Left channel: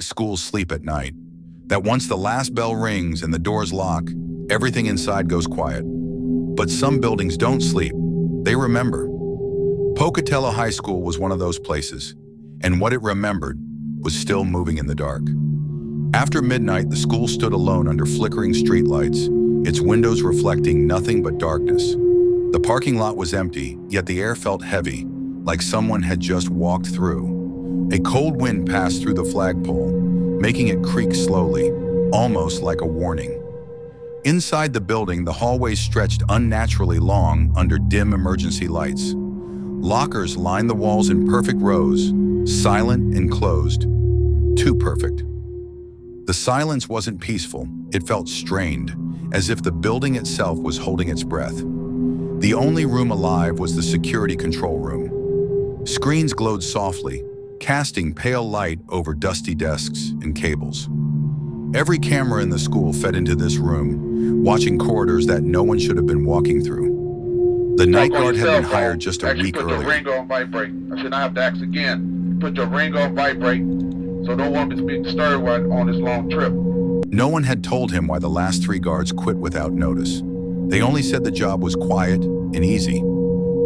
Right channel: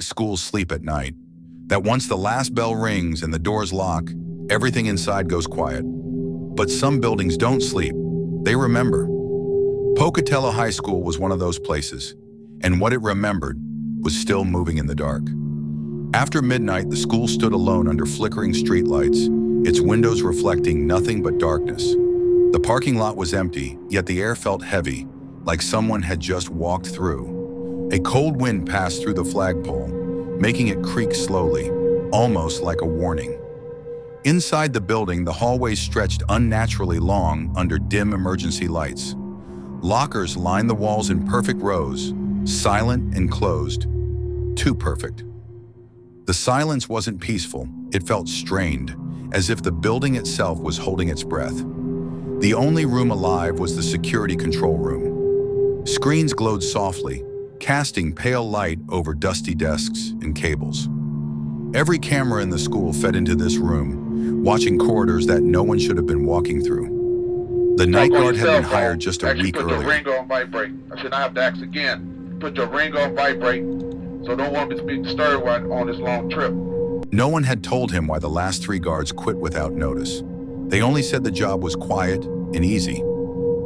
think schools sleep at night. That once the last bell rings and the doors lock, everything inside goes quiet. But some buildings don't sleep. They remember. Pocatello High School was one of those places, and what it remembered was still moving in the dark. After midnight, the school stood alone under flickering streetlights, its windows reflecting nothing but darkness. The parking lot was empty, yet the air felt heavy, like someone had just walked through. A cold wind passed through the flagpole, making it creak slowly, almost like a warning. Inside the building, the hallways stretched unnaturally long under dim emergency lights. Lockers lined the walls in perfect rows, silent and closed. Too perfect. The silence wasn't peaceful, it felt strained, as if the building itself was holding its breath. The only room alive was the security control room. Screens glowed softly, casting pale light over dusty desks and cables. Every camera in the school fed into this room, watching corridors that no one should have been walking through. The night guard had been hired just a week earlier. Put your ring on vibrate. I should not have to ask again. Put your ring on vibrate, so don't want me to be disturbed on this long trip. No one had told him why the last 3 guards quit without notice. They only said the job was quiet and easy.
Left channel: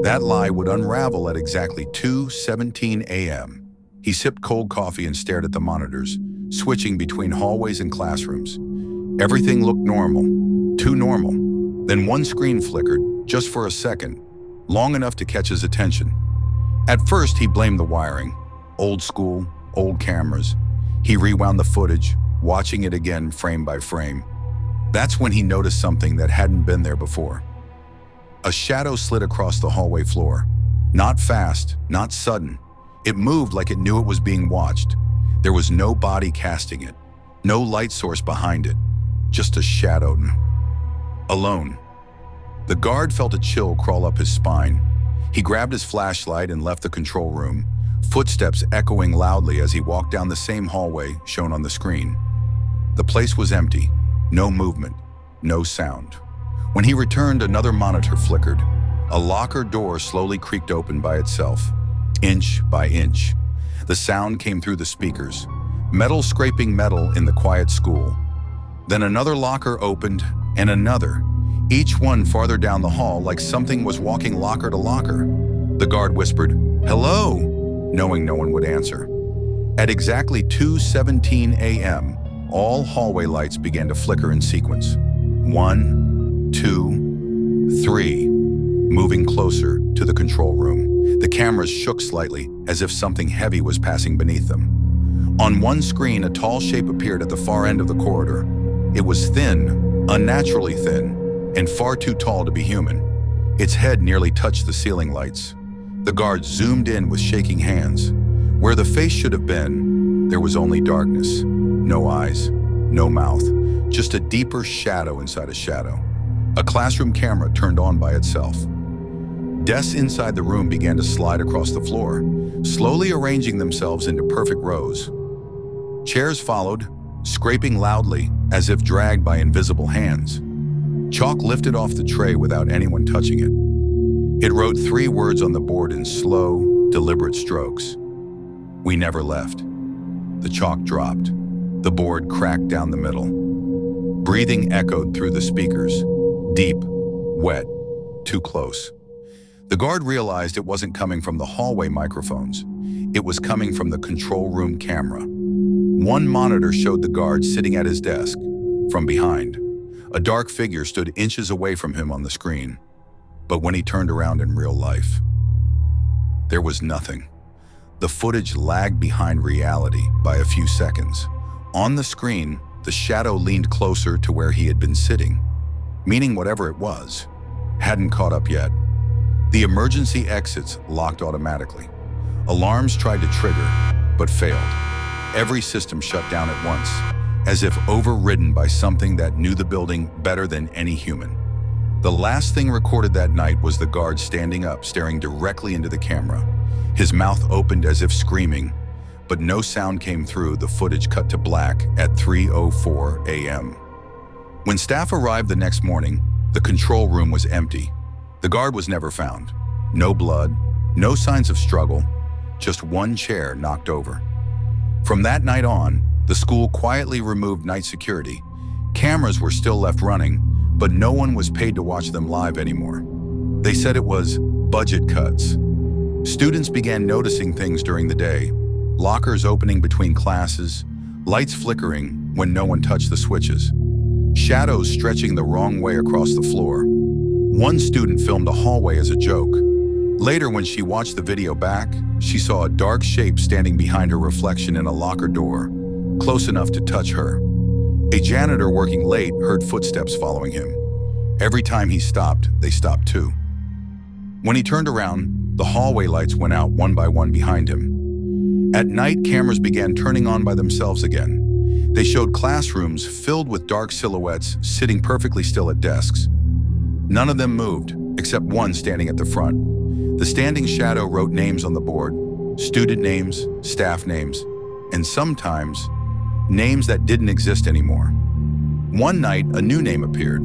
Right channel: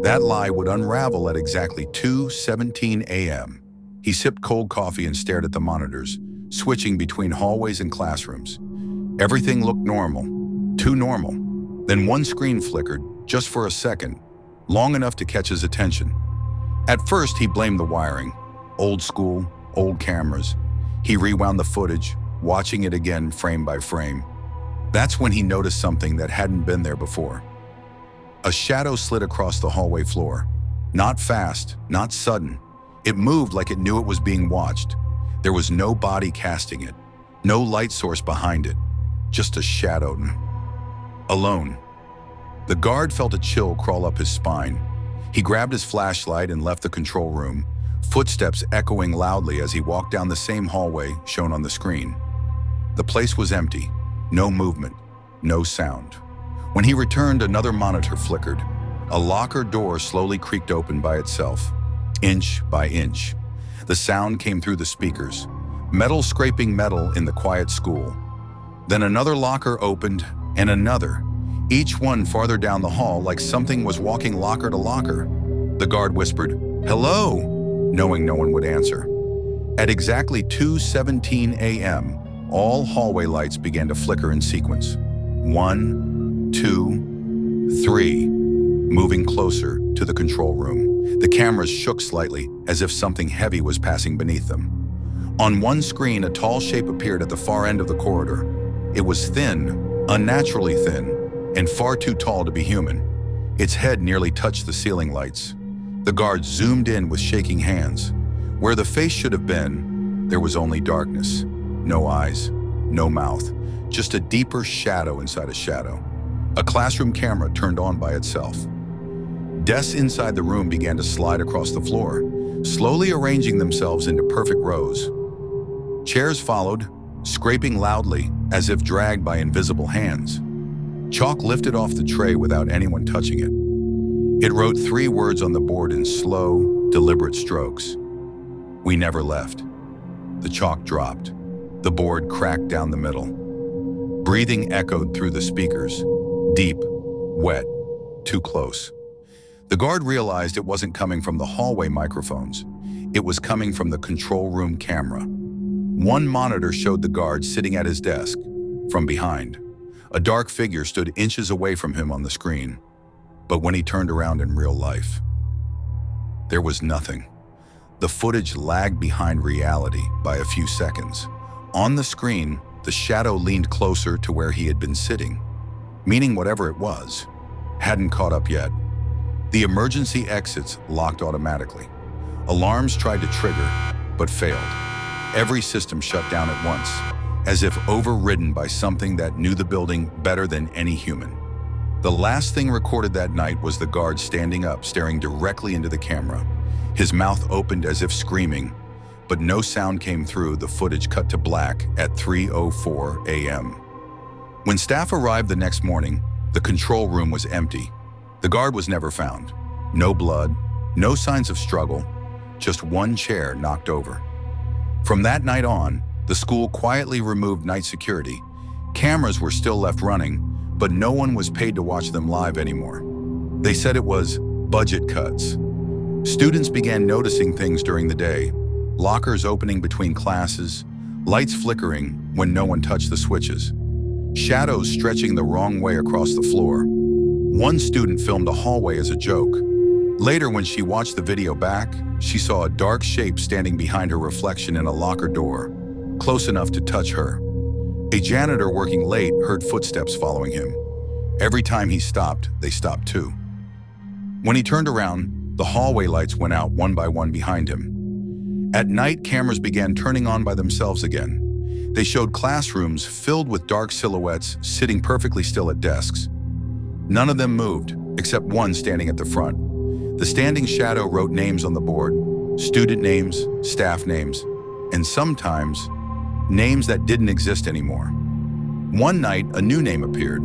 That lie would unravel at exactly 2:17 a.m. He sipped cold coffee and stared at the monitors, switching between hallways and classrooms. Everything looked normal, too normal. Then one screen flickered, just for a second, long enough to catch his attention. At first, he blamed the wiring. Old school, old cameras. He rewound the footage, watching it again frame by frame. That's when he noticed something that hadn't been there before. A shadow slid across the hallway floor. Not fast, not sudden. It moved like it knew it was being watched. There was no body casting it, no light source behind it, just a shadow. Alone. The guard felt a chill crawl up his spine. He grabbed his flashlight and left the control room, footsteps echoing loudly as he walked down the same hallway shown on the screen. The place was empty, no movement, no sound. When he returned, another monitor flickered. A locker door slowly creaked open by itself, inch by inch. The sound came through the speakers, metal scraping metal in the quiet school. Then another locker opened, and another, each one farther down the hall like something was walking locker to locker. The guard whispered, "Hello," knowing no one would answer. At exactly 2:17 a.m., all hallway lights began to flicker in sequence. 1, 2, 3, moving closer to the control room. The cameras shook slightly, as if something heavy was passing beneath them. On one screen, a tall shape appeared at the far end of the corridor. It was thin, unnaturally thin, and far too tall to be human. Its head nearly touched the ceiling lights. The guard zoomed in with shaking hands. Where the face should have been, there was only darkness. No eyes, no mouth, just a deeper shadow inside a shadow. A classroom camera turned on by itself. Desks inside the room began to slide across the floor, slowly arranging themselves into perfect rows. Chairs followed, scraping loudly as if dragged by invisible hands. Chalk lifted off the tray without anyone touching it. It wrote 3 words on the board in slow, deliberate strokes. "We never left." The chalk dropped. The board cracked down the middle. Breathing echoed through the speakers. Deep, wet, too close. The guard realized it wasn't coming from the hallway microphones. It was coming from the control room camera. One monitor showed the guard sitting at his desk. From behind, a dark figure stood inches away from him on the screen. But when he turned around in real life, there was nothing. The footage lagged behind reality by a few seconds. On the screen, the shadow leaned closer to where he had been sitting, meaning whatever it was hadn't caught up yet. The emergency exits locked automatically. Alarms tried to trigger, but failed. Every system shut down at once, as if overridden by something that knew the building better than any human. The last thing recorded that night was the guard standing up, staring directly into the camera. His mouth opened as if screaming, but no sound came through. The footage cut to black at 3:04 a.m. When staff arrived the next morning, the control room was empty. The guard was never found. No blood, no signs of struggle, just one chair knocked over. From that night on, The school quietly removed night security. Cameras were still left running, but no one was paid to watch them live anymore. They said it was budget cuts. Students began noticing things during the day, lockers opening between classes, lights flickering when no one touched the switches, shadows stretching the wrong way across the floor. One student filmed a hallway as a joke. Later, when she watched the video back, she saw a dark shape standing behind her reflection in a locker door, close enough to touch her. A janitor working late heard footsteps following him. Every time he stopped, they stopped too. When he turned around, the hallway lights went out one by one behind him. At night, cameras began turning on by themselves again. They showed classrooms filled with dark silhouettes sitting perfectly still at desks. None of them moved, except one standing at the front. The standing shadow wrote names on the board, student names, staff names, and sometimes names that didn't exist anymore. One night, a new name appeared.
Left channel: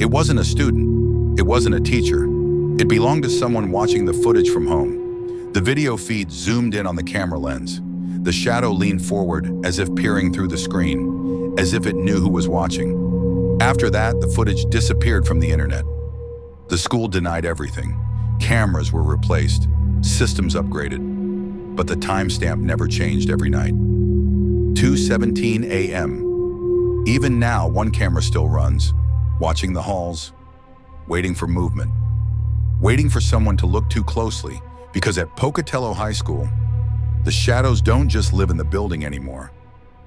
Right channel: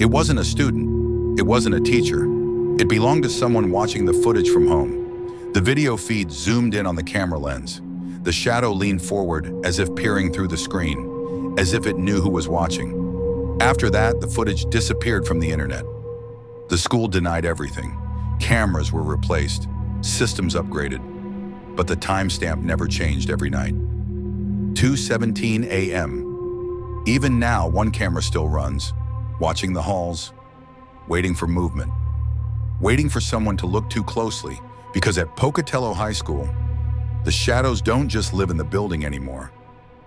It wasn't a student. It wasn't a teacher. It belonged to someone watching the footage from home. The video feed zoomed in on the camera lens. The shadow leaned forward as if peering through the screen, as if it knew who was watching. After that, the footage disappeared from the internet. The school denied everything. Cameras were replaced, systems upgraded, but the timestamp never changed every night. 2:17 a.m. Even now, one camera still runs, watching the halls, waiting for movement, waiting for someone to look too closely, because at Pocatello High School, the shadows don't just live in the building anymore.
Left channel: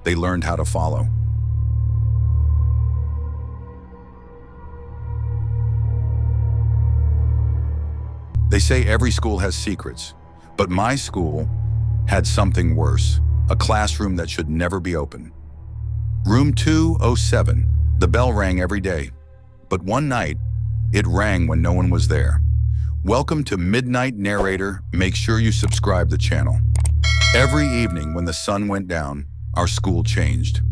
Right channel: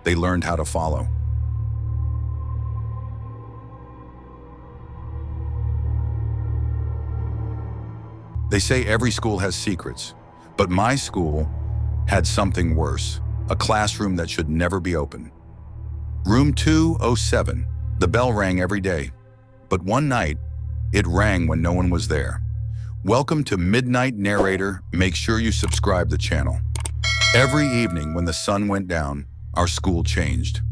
They learned how to follow. They say every school has secrets, but my school had something worse, a classroom that should never be open. Room 207, the bell rang every day, but one night, it rang when no one was there. Welcome to Midnight Narrator. Make sure you subscribe the channel. Every evening when the sun went down, our school changed.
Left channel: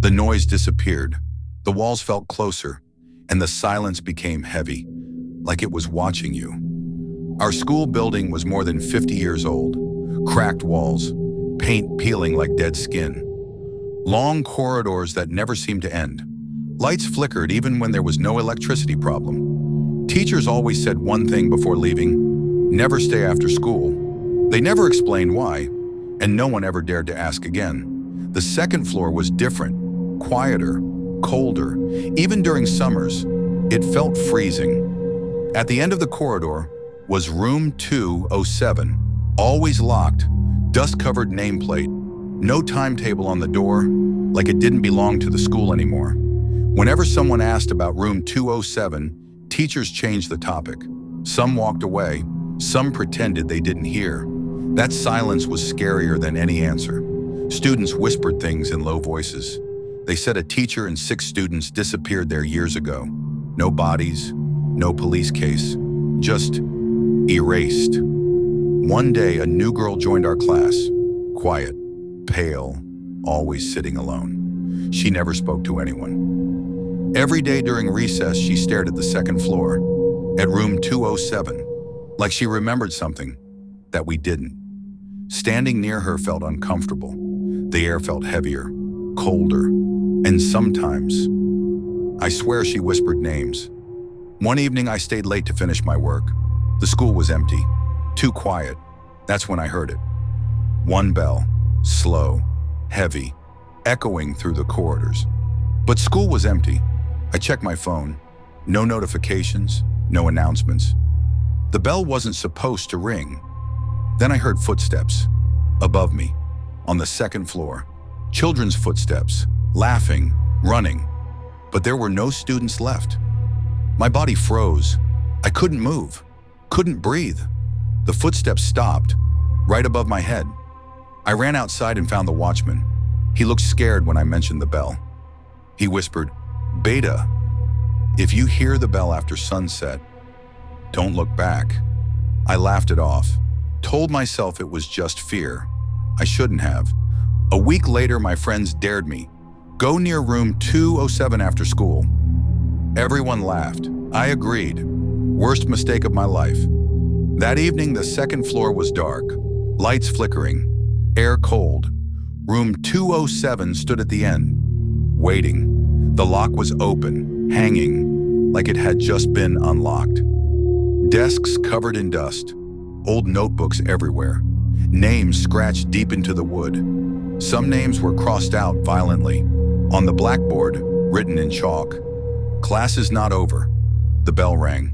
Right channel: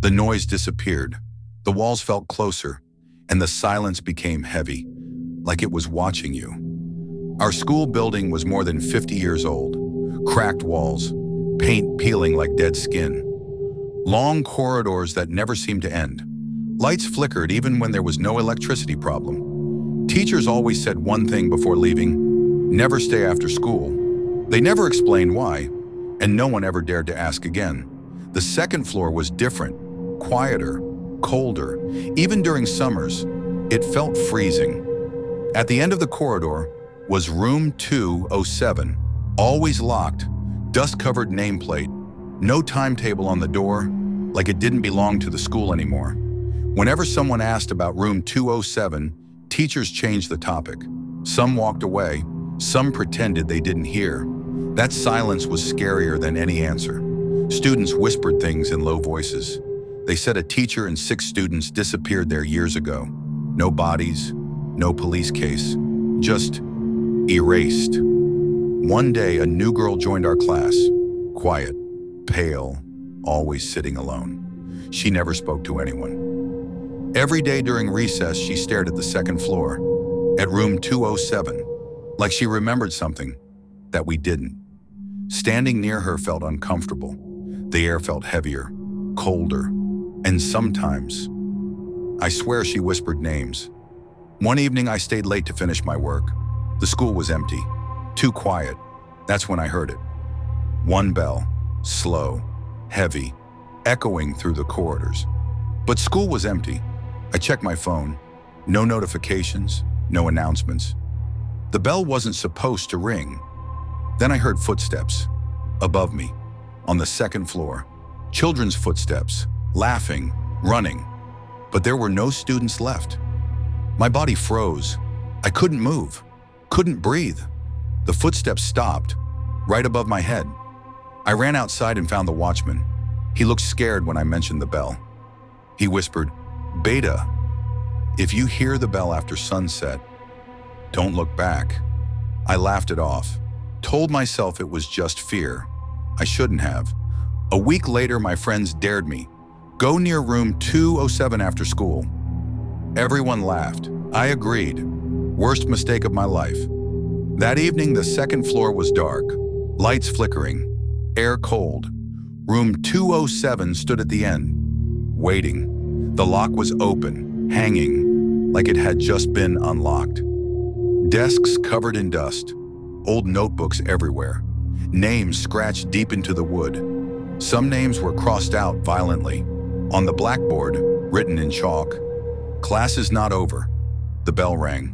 The noise disappeared, the walls felt closer, and the silence became heavy, like it was watching you. Our school building was more than 50 years old. Cracked walls, paint peeling like dead skin. Long corridors that never seemed to end. Lights flickered even when there was no electricity problem. Teachers always said one thing before leaving: never stay after school. They never explained why, and no one ever dared to ask again. The second floor was different, quieter, colder. Even during summers, it felt freezing. At the end of the corridor was room 207, always locked, dust-covered nameplate, no timetable on the door, like it didn't belong to the school anymore. Whenever someone asked about room 207, teachers changed the topic. Some walked away, some pretended they didn't hear. That silence was scarier than any answer. Students whispered things in low voices. They said a teacher and 6 students disappeared there years ago. No bodies, no police case, just erased. One day, a new girl joined our class. Quiet, pale, always sitting alone. She never spoke to anyone. Every day during recess, she stared at the second floor, at room 207, like she remembered something that we didn't. Standing near her felt uncomfortable. The air felt heavier, colder, and sometimes, I swear she whispered names. One evening, I stayed late to finish my work. The school was empty, too quiet. That's when I heard it. One bell, slow, heavy, echoing through the corridors. But school was empty. I checked my phone. No notifications, no announcements. The bell wasn't supposed to ring. Then I heard footsteps above me, on the second floor. Children's footsteps, laughing, running. But there were no students left. My body froze. I couldn't move, couldn't breathe. The footsteps stopped, right above my head. I ran outside and found the watchman. He looked scared when I mentioned the bell. He whispered, "Beta, if you hear the bell after sunset, don't look back." I laughed it off, told myself it was just fear. I shouldn't have. A week later, my friends dared me. Go near room 207 after school. Everyone laughed. I agreed. Worst mistake of my life. That evening, the second floor was dark, lights flickering, air cold. Room 207 stood at the end, waiting. The lock was open, hanging, like it had just been unlocked. Desks covered in dust, old notebooks everywhere, names scratched deep into the wood. Some names were crossed out violently. On the blackboard, written in chalk, "Class is not over." The bell rang.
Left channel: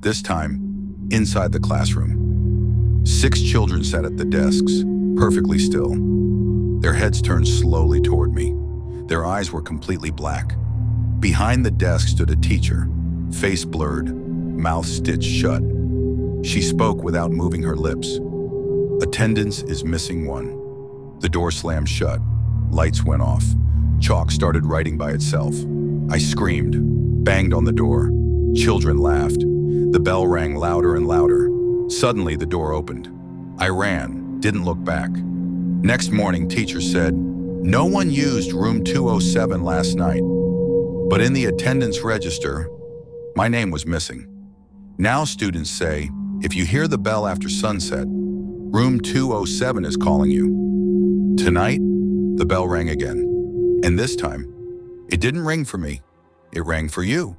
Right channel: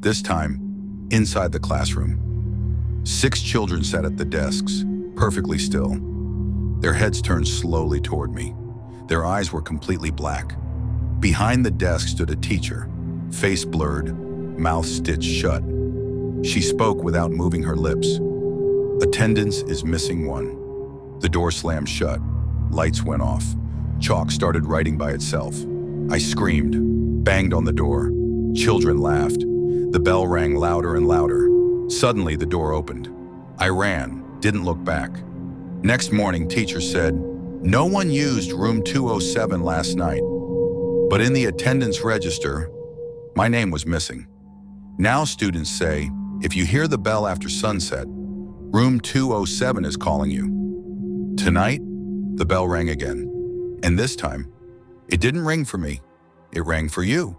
This time, inside the classroom. 6 children sat at the desks, perfectly still. Their heads turned slowly toward me. Their eyes were completely black. Behind the desk stood a teacher, face blurred, mouth stitched shut. She spoke without moving her lips. "Attendance is missing 1." The door slammed shut. Lights went off. Chalk started writing by itself. I screamed, banged on the door. Children laughed. The bell rang louder and louder. Suddenly, the door opened. I ran, didn't look back. Next morning, teacher said, "No one used room 207 last night, but in the attendance register, my name was missing. Now students say, if you hear the bell after sunset, room 207 is calling you." Tonight, the bell rang again. And this time, it didn't ring for me. It rang for you.